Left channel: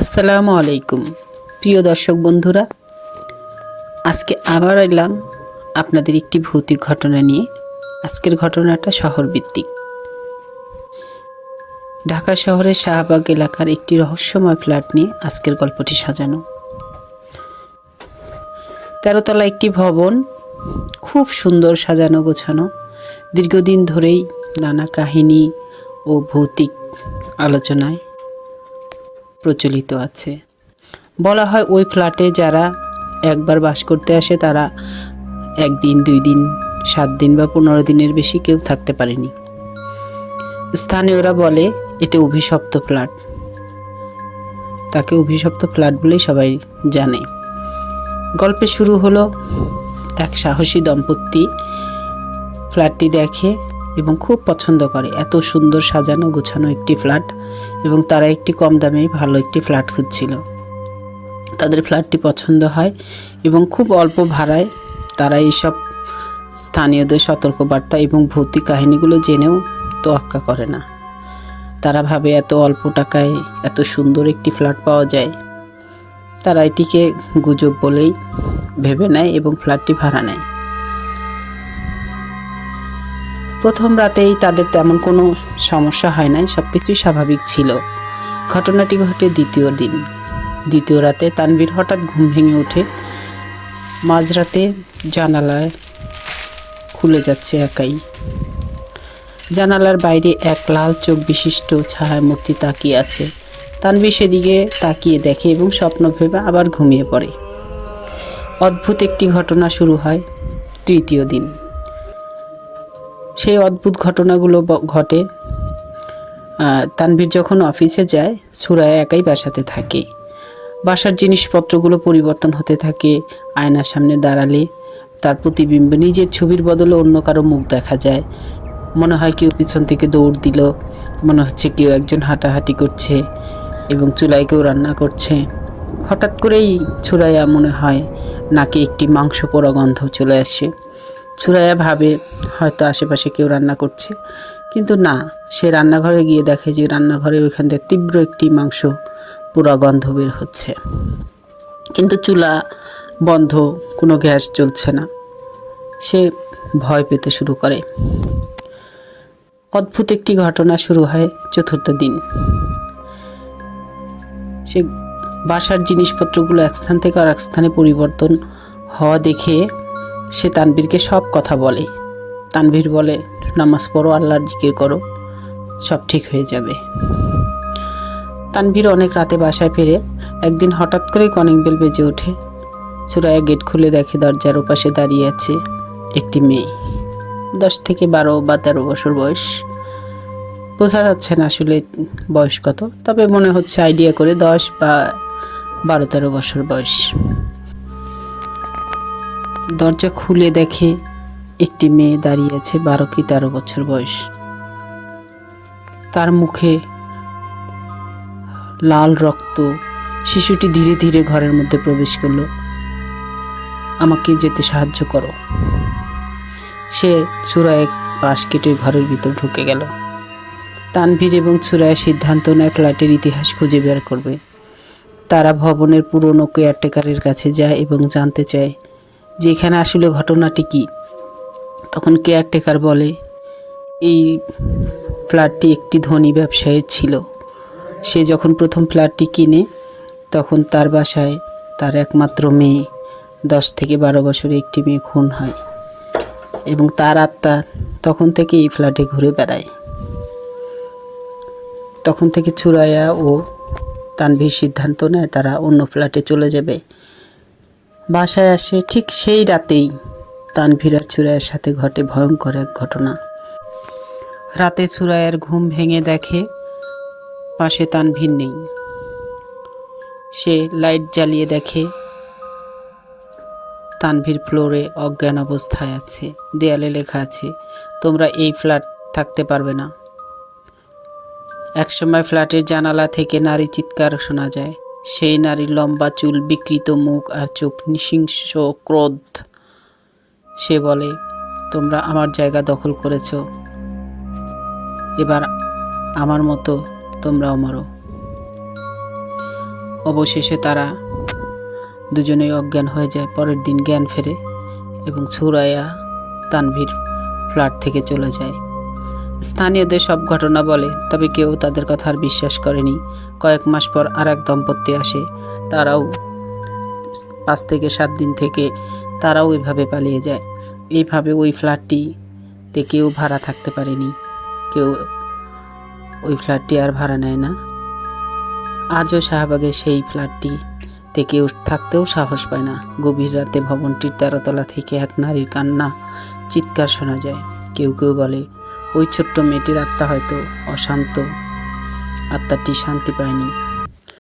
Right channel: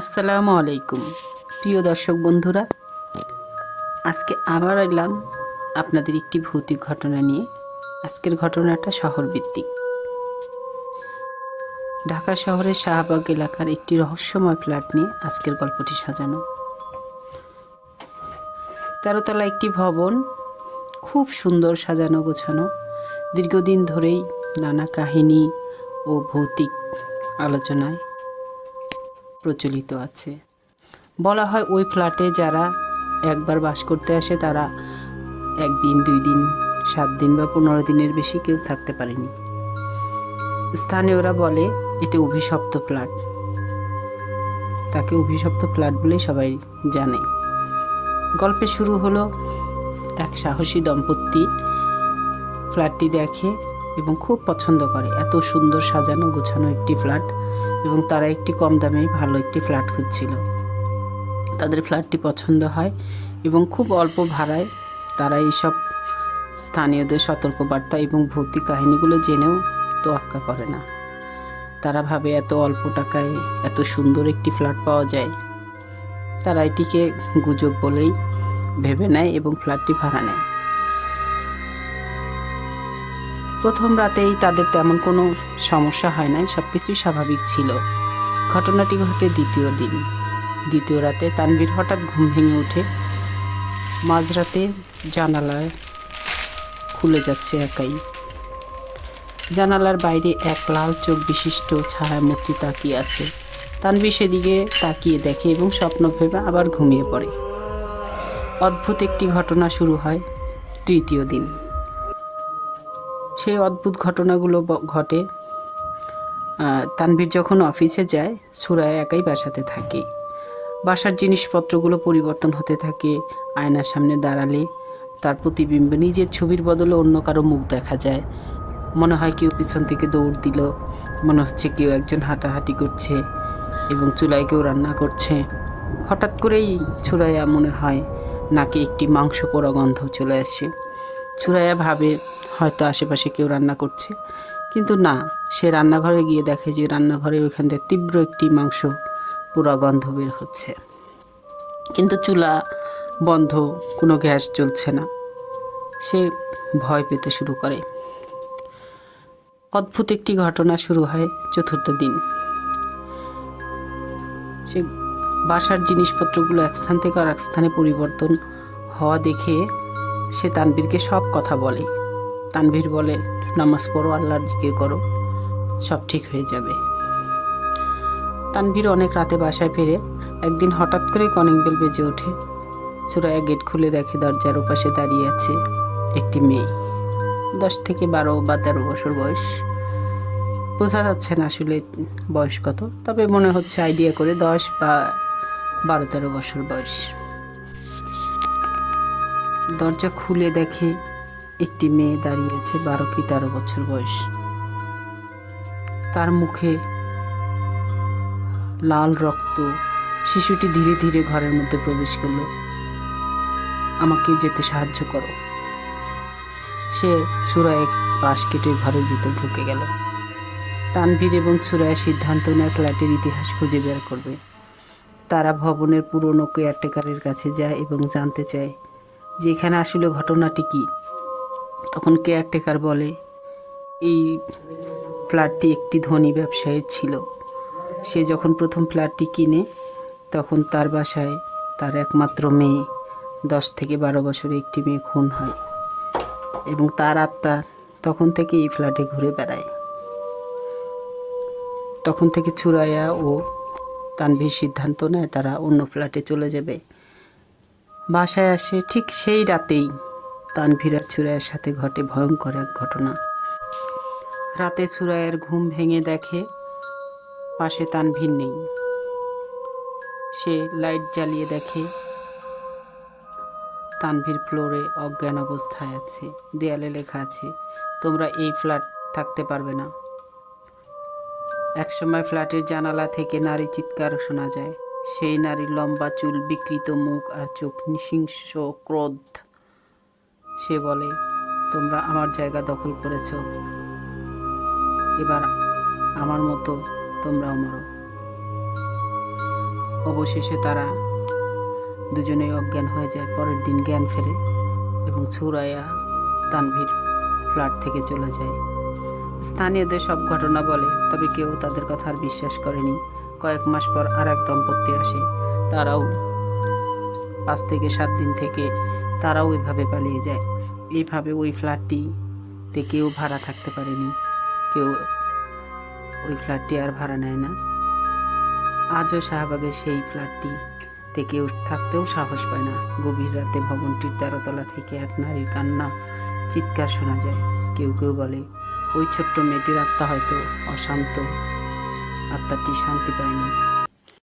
আসসালামু আলাইকুম প্রিয় দর্শক বন্ধুরা, আজকে আবার এলাম আপনাদের একটি ভৌতিক ঘটনা নিয়ে। আজকের ঘটনাটা শহরভিত্তিক। ঢাকা শহরের শাহবাগ এলাকার একটি রহস্যময় ফ্ল্যাট নিয়ে আজকের গল্পটি সাজানো। 13 তলা একটি ভবন, খুব সুন্দর সাজানো গোছানো। দীর্ঘদিন ধরেই নানা কাহিনী ও ভৌতিক আলোচনায় প্রচলিত আছে। বলা হয় ওই ফ্ল্যাটে যারা একবার বাস করতে আসে তারা 1 দিন 2 দিন 7 দিন বা 15 দিনের বেশি কেউ থাকতে পারেনি। স্থানীয়রা বলে এটা অভিশপ্ত ফ্ল্যাট, তাকে অভিশপ্ত ফ্ল্যাট বলেই সবাই জানে। গল্পের শুরু হলো এক সাহসী দম্পতি ফ্ল্যাটটি দেখে এবং খুব পছন্দ করে। এত সুন্দর সাজানো গোছানো একটি ফ্ল্যাট, এবং তারা একটি কম দামে ভালো একটি ফ্ল্যাট খুঁজছিল। তাদের ফ্ল্যাটটি পছন্দ হয় এবং খুব অল্প ভাড়ায় তারা এইসব স্থানীয়দের সতর্কবার্তা এবং ভৌতিক কাহিনীগুলো জেনেও তোয়াক্কা করে না। তারা ভাবে এত অল্প টাকায় এত সুন্দর একটি ফ্ল্যাট পাওয়া যায়, তারা এটিকে গুজব বলেই ভেবে নেয় এবং ফ্ল্যাটটি ভাড়া নেয়। প্রথম রাতেই তাদের তেমন কোনো সমস্যা হয় নাই, সব কিছুই স্বাভাবিক ছিল। ঘটনাটি ঘটে দ্বিতীয় রাতে তানভীর হঠাৎ ঘুম ভেঙে ওঠে। মাঝরাতে জানালায় খুলে যাচ্ছে একাই। জানালার বাইরে এক লাল চোখ বিশিষ্ট ছায়ামূর্তি তাকিয়ে আছে। তানভীর সেদিকে তাকিয়ে দেখে এবং স্বপ্ন ভেবে আবার ঘুমিয়ে পড়ে। অদ্ভুত একটি ঘটনা শুরু হয় তৃতীয় দিন। সেই অদ্ভুত ঘটনাগুলো ঘটে তানভীর যখন অফিসে যায়, সুরায়া একাই বাসাতে থাকে। বাসার জিনিসপত্রগুলো পরিবর্তন হতে থাকে। আয়নার সামনে দাঁড়ালে তার প্রতিবিম্ব, নিজের ছবির বদলে অন্য কারো মুখ দেখা যায়। মনে হয় কেউ পিছন থেকে দৌড় দিল, মনে হচ্ছে কেউ একজন হাঁটাহাঁটি করছে এবং চুলায় কেউ রান্না করছে। হঠাৎ করেই সুরায়া মনে হয় নাকে একটি মাংস পোড়া গন্ধ চলে আসে। সুরায়া ভাবে হয়তো আশেপাশে কেউ রান্না করছে, কিন্তু না, সে রান্নাঘরে গিয়ে দেখে যে রান্নাঘরে ওইখান থেকে তীব্র একটি মাংস পোড়া গন্ধ বের হচ্ছে, কিন্তু চুলা বন্ধ, কোনো গ্যাস জ্বলছে না। সে ভয় পেতে শুরু করে। অদ্ভুত একটি ঘটনা শুরু হয় চতুর্থ দিন। সে বাসার জিনিসপত্রগুলো এক স্থান থেকে আর এক স্থানে পরিবর্তন হওয়া দেখে সে তানভীরকে সব কথা বলে। তানভীর বলে, নামাজ পড়ো, আল্লাহর জিকির করো, সব ঠিক হয়ে যাবে। তানভীর অনেক রাতে বাসায় ফেরে। একদিন হঠাৎ করে কলিং বেল বেজে ওঠে। সুরায়া গেট খুলে দেখে দরজার ওপাশে দাঁড়িয়ে আছে একটি মেয়ে, 10 থেকে 12 বা 13 বছর বয়স। বোঝা যাচ্ছে না আসলে বয়স কত, তবে মনে হচ্ছে আইডিয়া করে 10 বা 12-13 বছর বয়স। দরজা খুলে দেখে একটি মেয়ে দাঁড়িয়ে আছে 12 কি 13 বছর বয়স। তার মুখে লাল রক্ত। শিশুটি ধীরে ধীরে ঘরের মধ্যে প্রবেশ করলো। আমাকে যেতে সাহায্য করো। সে সুরায়া পাশ কেটে ঘরের ভিতর ঢুকে গেল। তানভীর এবং সুরায়া সিদ্ধান্ত নেয় ফ্ল্যাটের ইতিহাস খুঁজে বের করবে। তারা ভবনের পুরনো কেয়ারটেকারের কাছে যায় এবং জানতে চায় যে এখানে আসলে ঘটনাটি কী। তখন কেয়ারটেকার বলে, এই ফ্ল্যাটটি একটি ধনী ব্যবসায়ীর ছিল। সে যখন প্রথম ফ্ল্যাটটি কিনে তখন তার বাসায় তার একমাত্র মেয়ে, 10 থেকে 12 বছরের একটি মেয়ে খুন হয়, এবং তার আত্মা তখন থেকে এই ফ্ল্যাটে ঘুরে বেড়ায়। তখন থেকে সুরায়া ও তানভীর সিদ্ধান্ত নেয় তারা অন্য ফ্ল্যাটে চলে যাবে। বাসায় আসে ঠিক সেই রাতেই তানভীর আর সুরায়ার সাথে ঘটে ভয়ঙ্কর এক ঘটনা। রাতে সুরায়ার ঘুম ভেঙে দেখে পাশে তানভীর নেই। সে লাইট জ্বালিয়ে দেখে তানভীর ফ্লোরে অজ্ঞান অবস্থায় আছে। দেয়ালে লেখা আছে, তোমরা এই ফ্ল্যাট থাকতে পারবে না। একসময় ফ্ল্যাটের জানালা থেকে নারী চিৎকার শোনা যায়। সেই নারীর লম্বা চুল, বিকৃত মুখ আর চোখ নৃশংস ক্রোধ। সে বলে, তোমরা আমার জায়গা দখল করেছ, এবার আমার মতো তোমরাও মরো। অবশেষে তারা দুজনেই অজ্ঞান হয়ে যায়। পরের দিন জ্ঞান ফেরে এবং সুরাইয়া তানভীর ফ্ল্যাট থেকে চলে যায়। স্থানীয়দের সব ঘটনা বলে, তবে কেউ তাদের কথা আর বিশ্বাস করেনি। কয়েক মাস পর আর এক দম্পতি আসে। তারাও 5 থেকে 7 দিন থেকে তারাও এভাবে পালিয়ে যায়। এইভাবে ওই ফ্ল্যাটটিতে কেউ ভাড়া থাকতে পারেনি, কেউ ওই ফ্ল্যাটটি আর ভাড়া নেয় না। আজও শাহবাগের সেই ফ্ল্যাটটিতে কেউ থাকতেও সাহস পায় না। গভীর রাতে ভবনটির 13 তলা থেকে এক নারীর কান্না চিৎকার শোনা যায়। কেউ কেউ বলে ওই ছোট্ট মেয়েটির আত্মা হয়তো অশান্ত, আত্মাটি শান্তি পায়নি।